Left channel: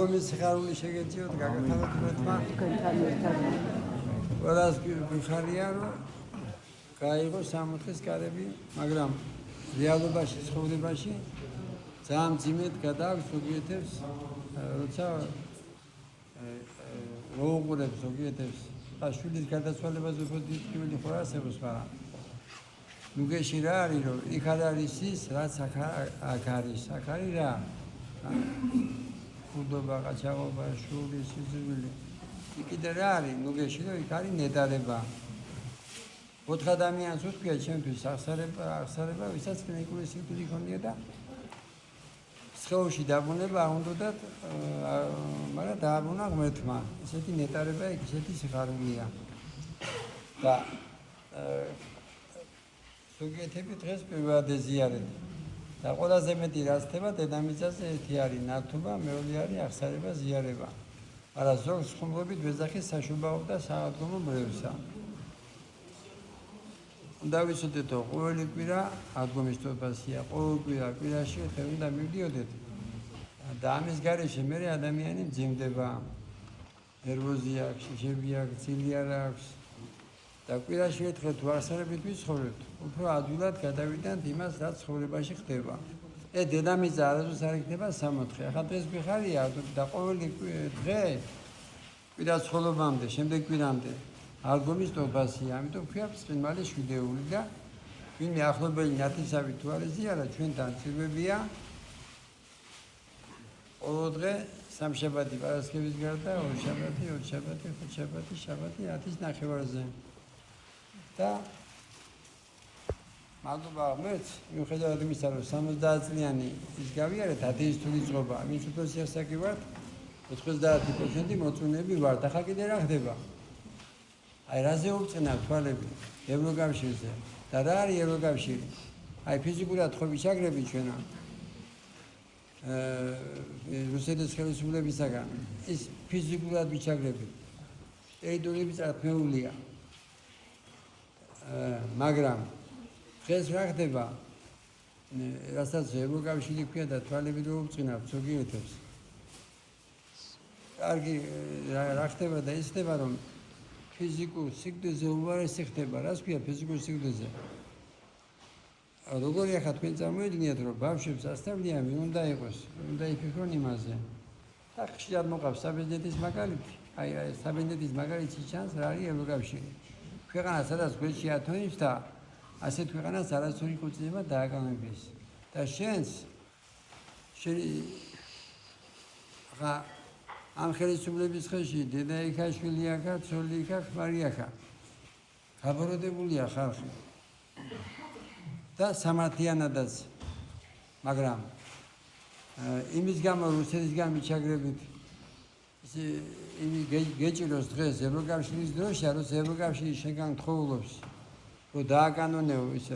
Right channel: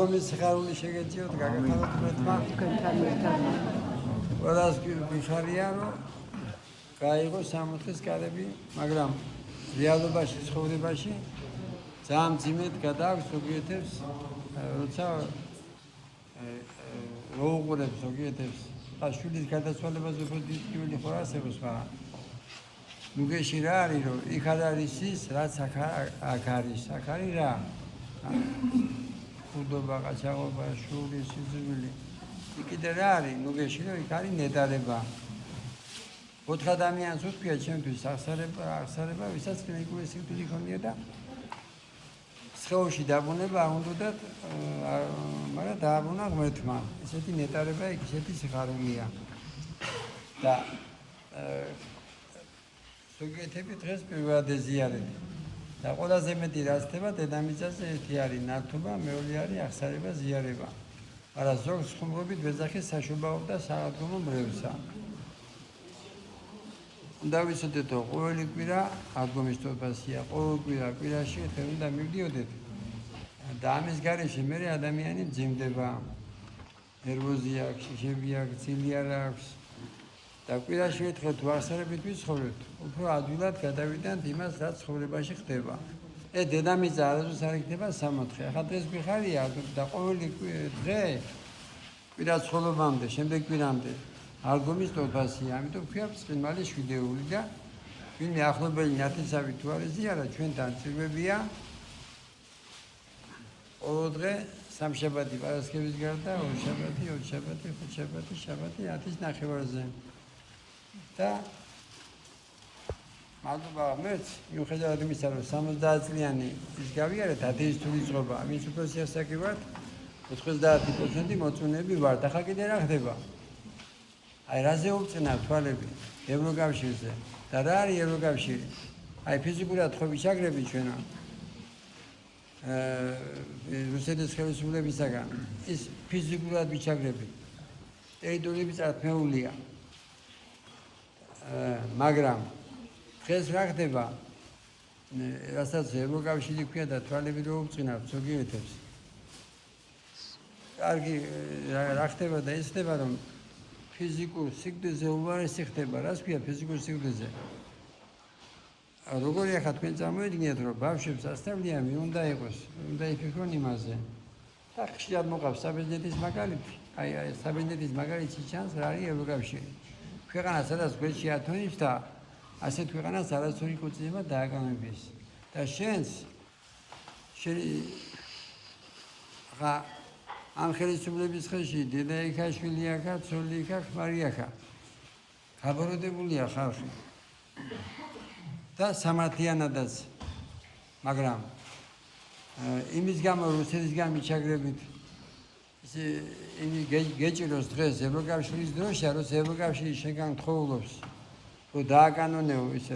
ალბომის სიხარული შეგეძიოთ, გაგახაროთ მეთმა. ყველას გიხარია, რომ გაიღო 60-ის კარები, მაგრამ რეალობაში, ცხოვრებაში ძალიან მძიმედ გადააქვს ზოგიერთებს, როცა რო უყურებს ზოგიერთებს, შვილის გარდაცვალებას უფრო დიდი ტკივილი ხო არსებობს, მაგრამ ნუგეში რა არის, რომ იქ არ არის ის, რაც აქ არის, აქ არის რა? ხუდობა, ყაჩაღობა, შური, სიძულვილი. იქ კიდე რა არის, ნუგეში, რომ იქ არის ნედარება. 4 ადამიანს უთქვია ჩემთვის აღსარება, ვისაც კლინიკური სიკვდილი ჰქონია და სხეულში დაბრუნება არ უნდათ, მაგრამ დააბრუნა ღმერთმა. ესეთი ნეტარება, ესეთი სიხარულია. და ზოგიერთები დღეს პირველად ეზიარეთ. და ყველაზე მეტი რაც ხდება დედამიწაზე ერთი არის ნავთობა, მეორე არის აღსარება, ზიარება. მაგრამ ზოგს ხუმრობით ვეძახის საშობაო და საავადმყოფო მრევლსა. უნდა ვიცოდეთ, რომ ყოველი კვირა აღდგომის თვეფასია, ყოველ კვირაში ერთხელ უნდა მივდიოდეთ. და ამის გარეშე მე ადამიანი მძიმდება, ნერვოზი აქვს, შიშები აქვს, ცილი არ აქვს. და კვირაში ერთხელ თუ აღსარებით ვიცხოვრებთ, უფრო ადვილად გადავიდანთ იმას, რაც ცხოვრებაში ხდება. დედამიწა არასდროს არ იქნება 60. ახლა დღეს გვიხარია და ყოველი დღე კვირა ცხოვრობამდე, შემდეგ კვირამდე აღდგომის თვეფასია, ამიტომ ქვია ბრწყინვალე შვიდეული და ვინმე ახლობელი ნათესავი თუ არ ეზიარა, ჩვენთან წვიმებია. ყოველ დღე სამშაბათი პარასკევის გარდა, ორ შაბათი, ხუთ შაბათი, შაბათი 10-ის ნახევარზე. და მადლობა ღმერთს, მიუხედავად იმისა, რომ 70 წლიანი ის გავიარეთ, ათეისტური წყობა, ვინც უფრო სიასაკი ვართ, 90% მოწონები ვართ. ახლა კიდე რა ხდება? აი რაზე უბწყნავ თვალები ევროკავშირზე და რა არის ევროკავშირი? აი ფიზიკურად ხო ვიჩაგრები ჩვენო რუსეთის ხელისუფლებისაგან ის ფიზიკურად ვიჩაგრები. ტერიტორიები წარქმეულია. მაგრამ დღეს რა ხდება? რასაც ევროკავშირი ქვია და თვალები რო უბწყნავ ზოგიერთებს. კარგი რა ხდება და ის ხდება, რომ ფიზიკურ სიკვდილზე უარესი ხდება. რას ქვია ფიზიკურ სიკვდილზე? როგორი ახლა თქვენ წარმოიდგინეთ, რომ ბავშვებს ასწავლიან, ვინ უნდა იყოს, უნდა იფიქრონ იმაზე. და ხშირად მოყავს საბერძნეთის მაგალითი. აი საბერძნეთის მაგალითი ჩანს, რა არის ევროკავშირი. ქვეყანა, სადაც გვერდში ათონებს და ასეთ ქვეყანას არასორი კუწინება დააკავებს. და შენს ხა ამ ხელისუფლების ხელში დედა იქაშვილი აქა, ცოლი იქა, ქმარი აქა. გაბოროდებულია ხალხი. და სამართლიანადაც. მაგრამ იმის გამო რუსეთისგან მიჩაგრებით გეჭიროს დღეს ევროკავშირის დროშა, როცა ევროკავშირი შენგან თხოვლობს, რომ დააკანონეო ისე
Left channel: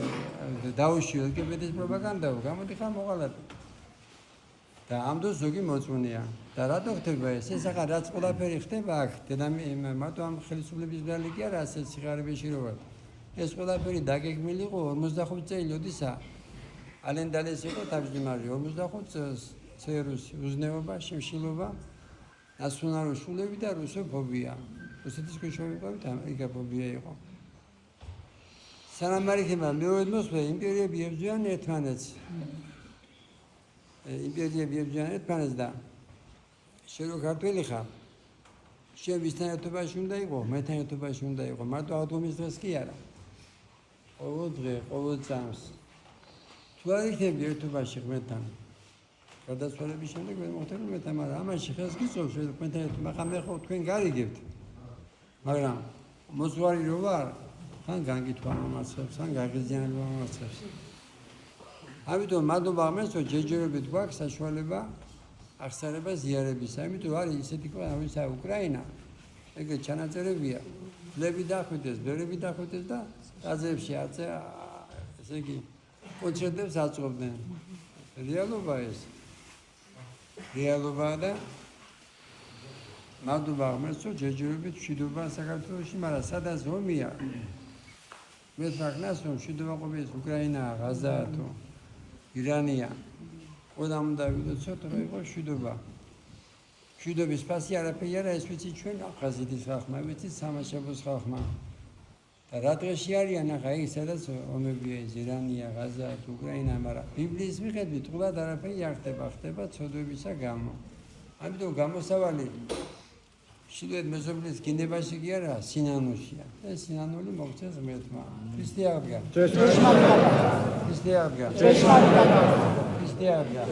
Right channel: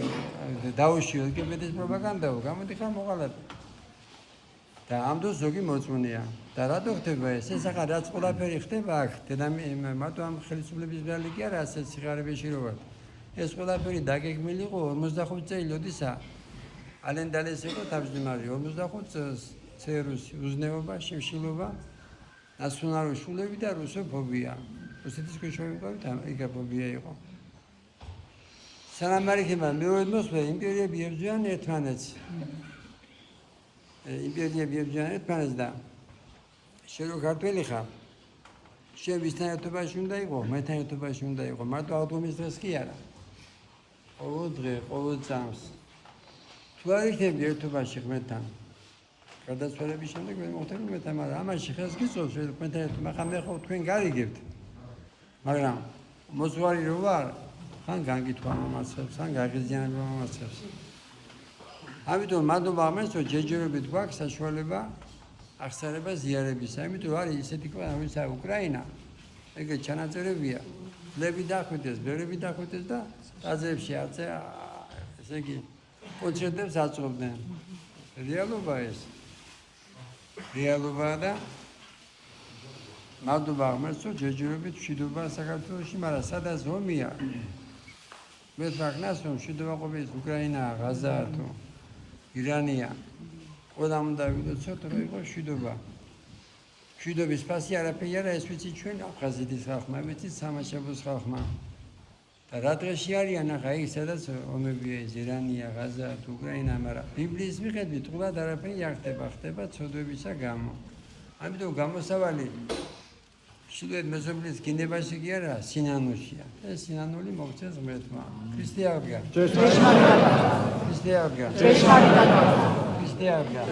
დაუშიო ლგბტ-ის პროპაგანდაო, გამოდიხარ მოყალატე. და ამ დროს ზოგი მოწმუნეა. და რატო ხდება ეს? ეს ახლა რაც ყველაფერი ხდება აქ, მარტო ამ ხელისუფლების ბრალი კი არა, ასეთ სიხარებეში რო ვარ. ეს ყველაფერი დაგეგმილი იყო 45 წელი ოდისა. ალენდალეს იყო თავმჯდომარე 45 წელს ცერუსი, უზნეობა, შიმშილობა, ნაციონალური შულები და რუსოფობია. რუსეთის ქვეშევრდებით ამერიკაფობია იყო. სანამ არ იქნება მეორე მოსვლა, იმპერიები ებრძვიან ერთმანეთს. იმპერიები ებრძვიან ერთმანეთს და შენ რო ქართველი ხარ, შენ ვისთან ერთობაში უნდა იყო, მეთან ერთობაში უნდა იყო, მარტო აღდგომის დღეს კი არა. ყოველ დღე, ყოველ წამს. თუ არ იქნები ერთობაში ღმერთთან, გარდაცვალების შემდეგ ვერ მოხდება ღმერთთან, მაგრამ ამაში ხელს გიწევს ღმერთთან ერთად, მაგრამ მე ხო თქვენ გარიგებთ. მაგრამ მოძღვარი რო ვარ, ხან განგითხვა მომაცხებს, ხან გაღიზიანება მომაცხებს. ამიტომ მადლობა ღმერთს, რომ ჯერჯერობით გვაქვს საშუალება აღსარება ზიარებისა. ამიტომ არის ისეთი ქვეყანა, ვინცაა უკრაინა, ეგრე ჩანაწერებია. ლები დახვიდეს, ბერები დახვიდეს და ტაძრებში ესე იგი კონცერტებს აწყობდნენ. რეალობა ეს. რეალობაა და მადლობა ღმერთს, რომ ჯერჯერობით მშვიდობა საქართველოში, მაგრამ სადაც ომია, მე თქნას, რომ მშვიდობა ყოფილს უკრაინაა, ღაზაა თუ ირანია. ყველამ უნდა ვიცოდეთ, რომ იყო მშვიდობა. მშვიდობის ფასი არაფერი არა, ეს ვიცით ჩვენ აფხაზეთის ხალხმა, ვიცით სამაშაბოს ხალხმა. და რა დღეში არიან ახლა ის სადაც ომებია, ირანია, ღაზა, უკრაინა, მაგრამ ბიბლიის მიხედვით თულად არაფერი არ ხდება, ხდება ცოდვებისა გამო. ამიტომ გამოსავალი შვილად მეზობლის გინებაში კი არა, სინანულშია. ეს სინანული მოგწეს ღმერთმა. ქრისტე აღდგა. ქრისტე აღდგა. ქრისტე აღდგა.